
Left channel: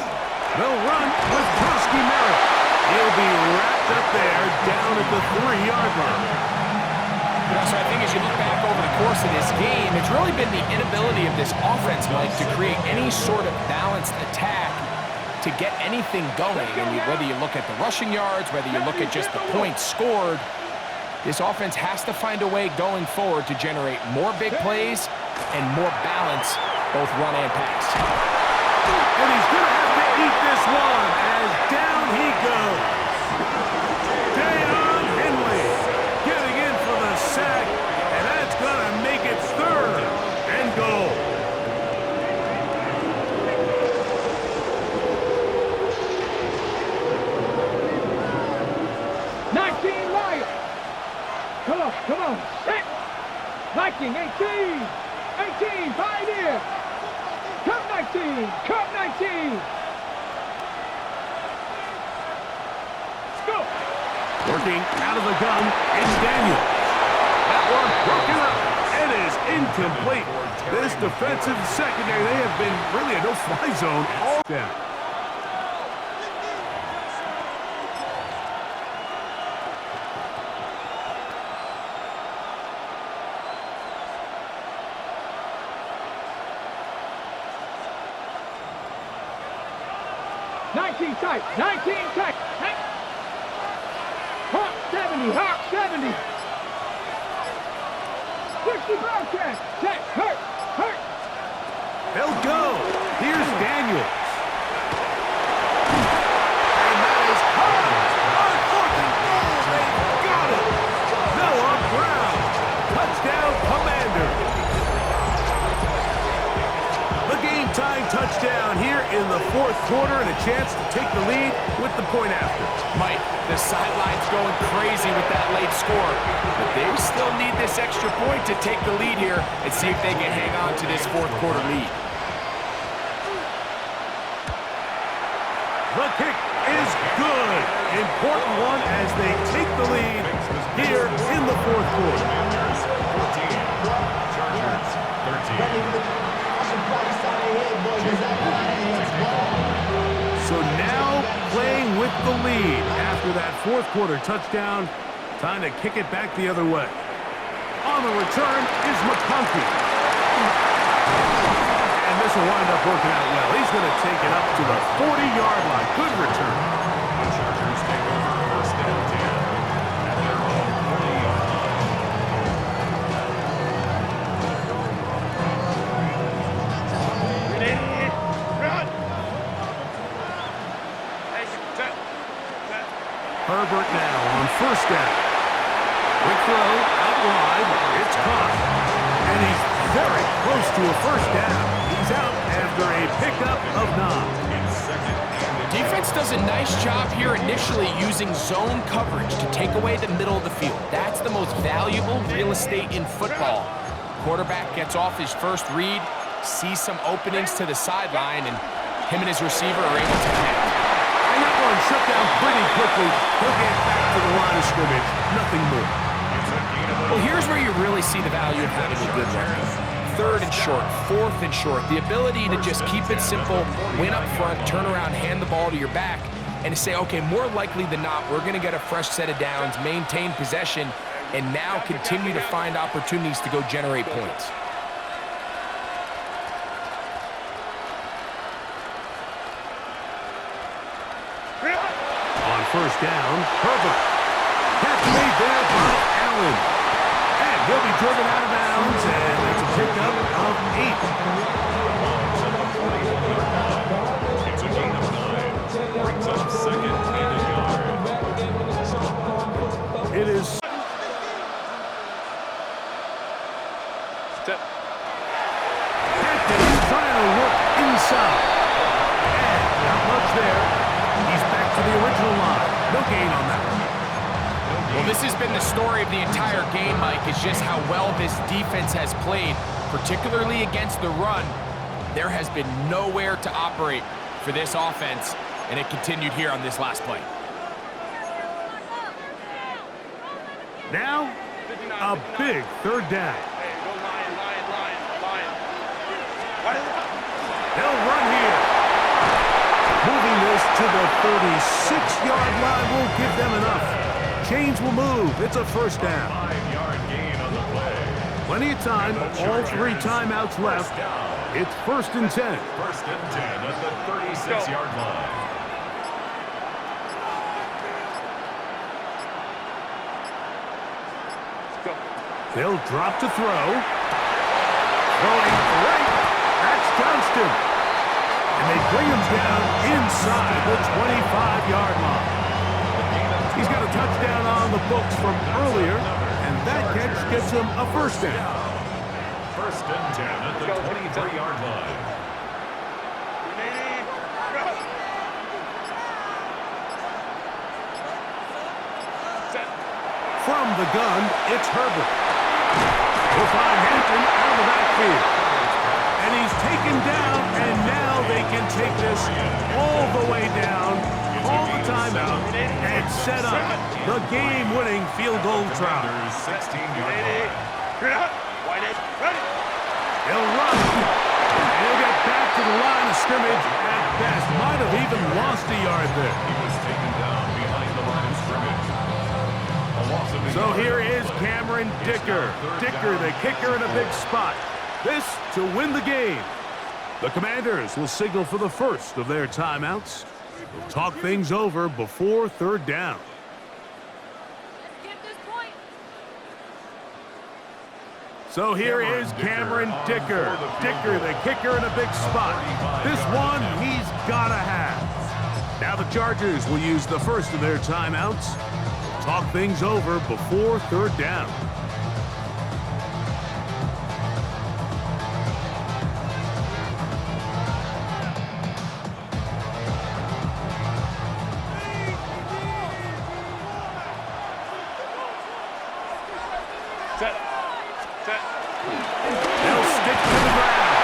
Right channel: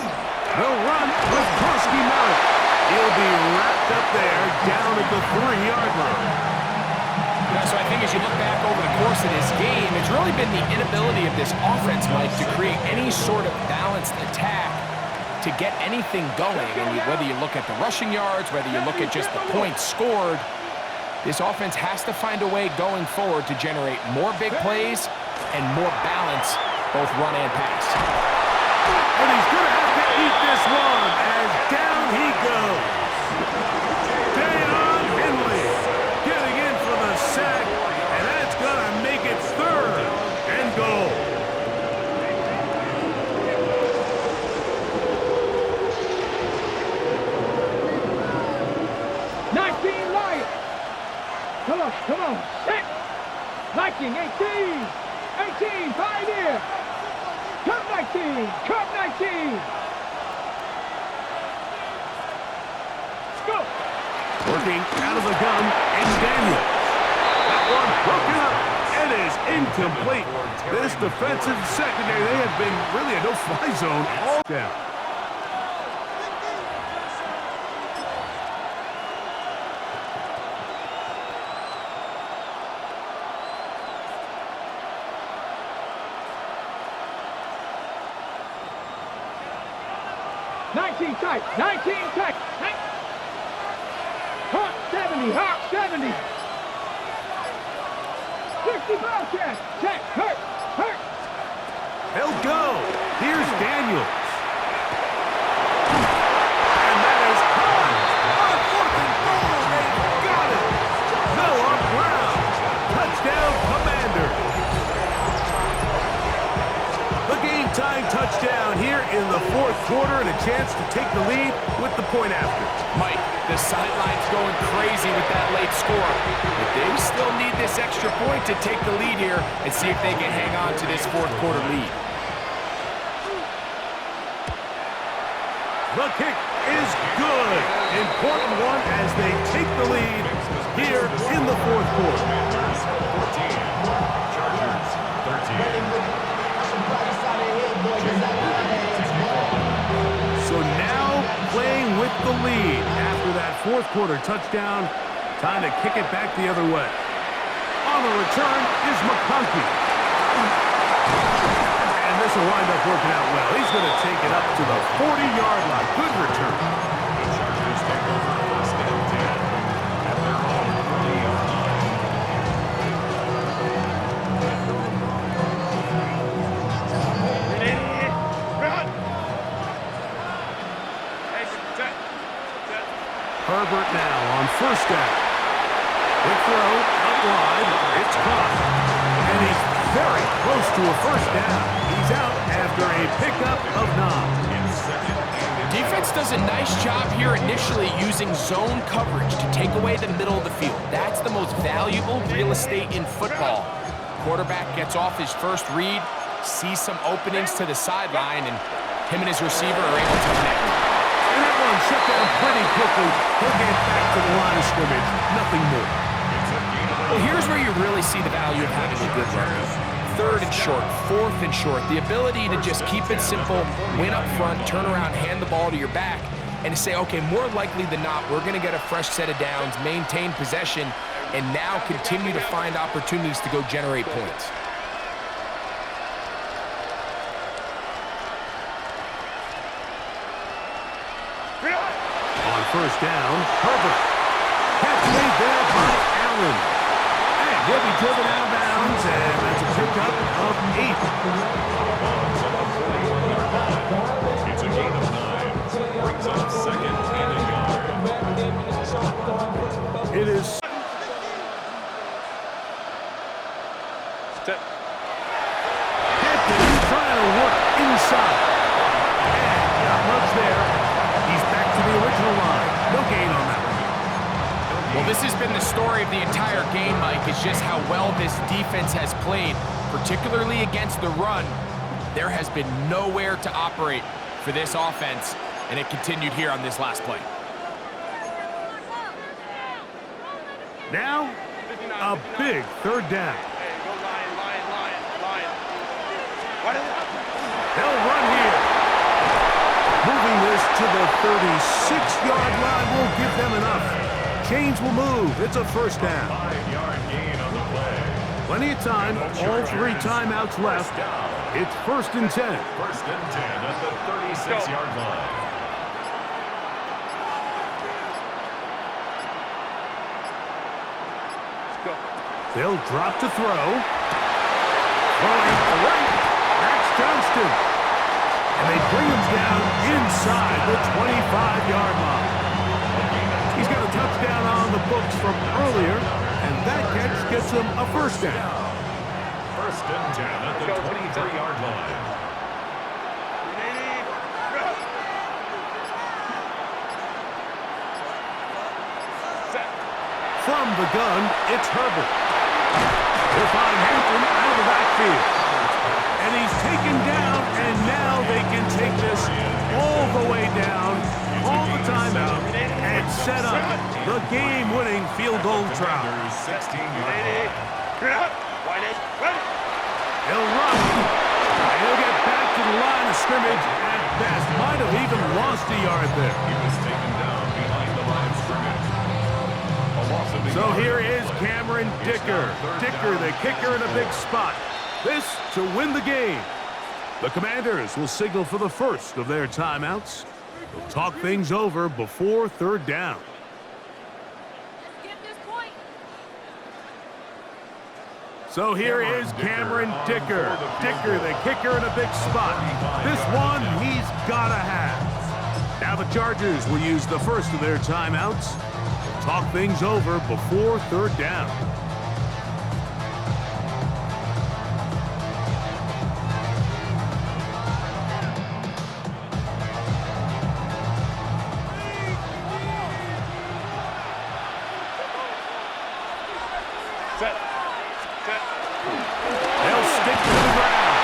They'll run with Krusty Merritt. He'll be wrapped up there down at the 3-yard line. So I think as you look back over the course of this game, it's really been the inability of this offense, Mike, to create any sort of balanced attack to get anything going. And whether you look at the rushing yards, whether you look at just the points scored, this offense has to find a way going forward to generate more big plays and more balance, both run and pass. And he's going to have to eat this one as down he goes. Deion Henley getting in for the sack, and that's going to make it third and goal. Come on. Set. Viking 18, Pioneer. Cup 19. Let's go. Working out of the gun is Daniels. That one broken up. It is incomplete. This defensive secondary, they have been really a no-fly zone all down. Tight. Hawk 70. 60 Bobcats. Check. Hurt. They'll go. Here's Daniels. And that is high. On 4th and goal. They got it. Noah Brown. Touchdown, Commanders. The game-tying touchdown here in the 4th quarter and a chance to take the lead with the point after. Mike, the sideline's going crazy with that late score, but they still need this extra point to take the lead here and see if they can hang on to this 4th quarter lead. The kick is is good. Important one as they take the lead here in the fourth quarter. Commanders 14, Chargers 13. So now playing with the lead after that fourth quarter touchdown. Time to kick it back the other way. On the return is McConkey. And this will wind up working out well. He's going to take it up to the 40-yard line. Good return. The Chargers take over first and 10 at their own 40-yard line. Run! Hey, set. Herbert now on first down. Quick throw, out wide, it's caught. And he's very close to a first down. He's out after a pickup of 9. In second and Defense does a nice job here initially using zone coverage to take away the middle of the field. That's the most valuable real estate in football. Quarterback gets off his first read, sees some openings to the sideline, and him and his receiver are able to connect. And that one shut down pretty quickly. He'll get back to the line of scrimmage. Nothing more. Well, here's where you really see the value of having a good run. Third and short, fourth and short. The ability to just keep it simple, win up front, turn around, hand the ball to your back, and to say, okay, more likely than not, we're going to get a fresh set of downs, maintain possession, and now continue to find opportunities to go generate points. On first down, Herbert. Catch made there by Allen. And he'll be driven out of bounds, and that's a pickup of 8. at the 41-yard line. It's a gain of 9. Brings up second and a yard. It is... Hampton trying to work inside. And not much there. He's back to the original line. No gain on that one. Well, this has been the story of the entire game, Mike. It's just how well this defense has played, particularly against the run. There has been nowhere to operate for this offense, and it continued here on this last play. Now, a big third down. Hey, go Lion. What is it? They'll run here. Moving this to the 36-yard line will give them enough. Chains will move. It's a first down. 5-yard gain on the play. Plenty of time. All 3 timeouts left. It's first and 10. First and 10 at the 36-yard line. Let's go. They'll drop to throw. Throwing right. That's Johnston. And they bring him down inside the 25-yard line. He's got a touchdown on the books from earlier, and that catch gets him a first down. First and 10 at the 23-yard line. From the gun, it's Herbert. We'll find Hampton out of the backfield. And he's taken down, and now they can take this all the way down, call the timeout, and set up the game-winning field goal try. 16-yard line. He'll run, and he'll get back to the line of scrimmage at best. Might have even lost a yard there. He was taken down behind the line of scrimmage. A loss of a So yard. here is Cameron Dicker. Dicker, the kicker, in a big spot. This to win the game. The Commanders will signal for the first of their timeouts. They'll talk things over before third down. Let's get this point. So here is Cameron Dicker. Dicker, the kicker, in a big spot. This one he's got to have. Now the Chargers will use the first of their timeouts. They'll talk things over before third down. They'll stick to the ground.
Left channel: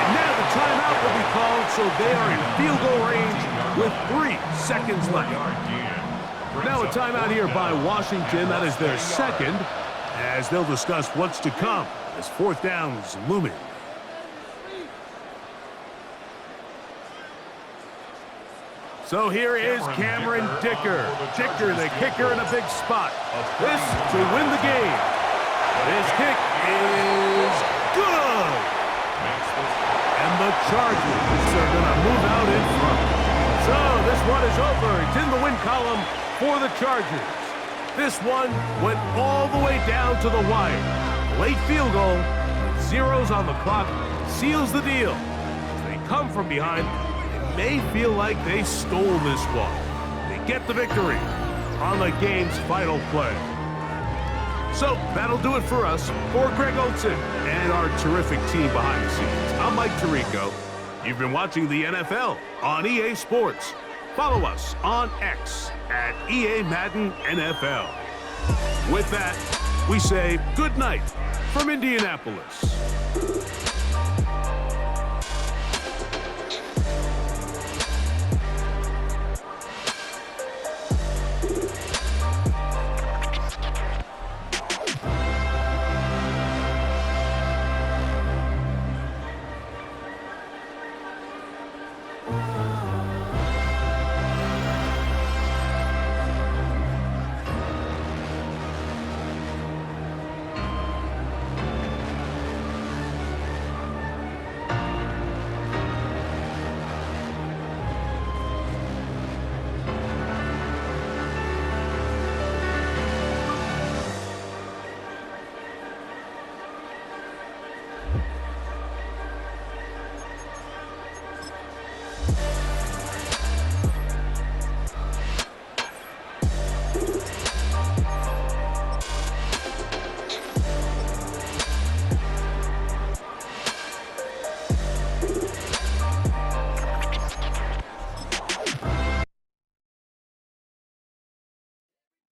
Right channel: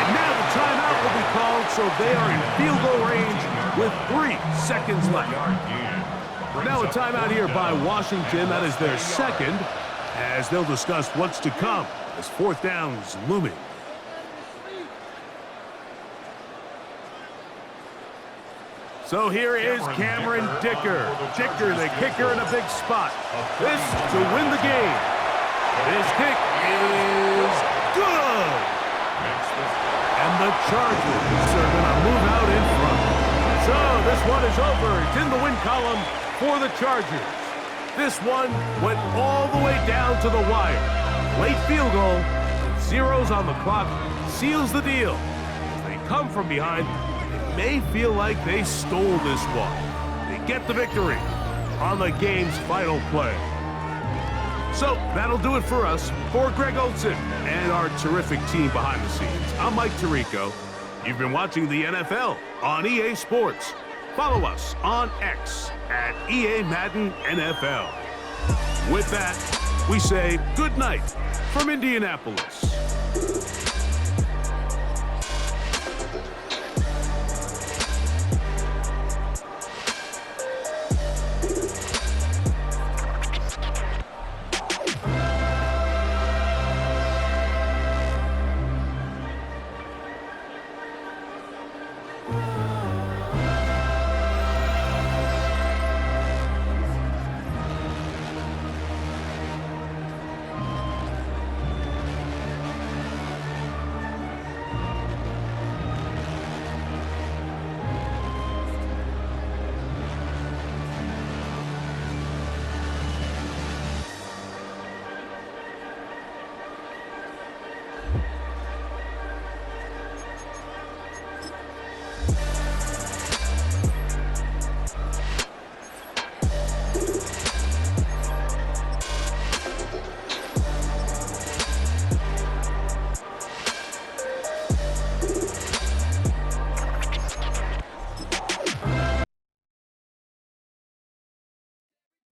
And now the timeout Timeout will be called, so they are in field goal range with 3 seconds left. Now a timeout here by Washington. That is their second, as they'll discuss what's to come as 4th down's looming. So here is Cameron Dicker. Dicker, the kicker, in a big spot. This to win the game. This kick is good. And the Chargers are going to move out in front. So this one is over. It's in the win column for the Chargers. This one went all the way down to the wire. Late field goal with zeros on the clock seals the deal. As they come from behind, they may feel like they stole this one. They get the victory on the game's final play. So that'll do it for us. For Greg Olson and our terrific team behind the scenes, I'm Mike Tirico. You've been watching the NFL on EA Sports. Follow us on X at EA Madden NFL. With that, we say good night from Indianapolis.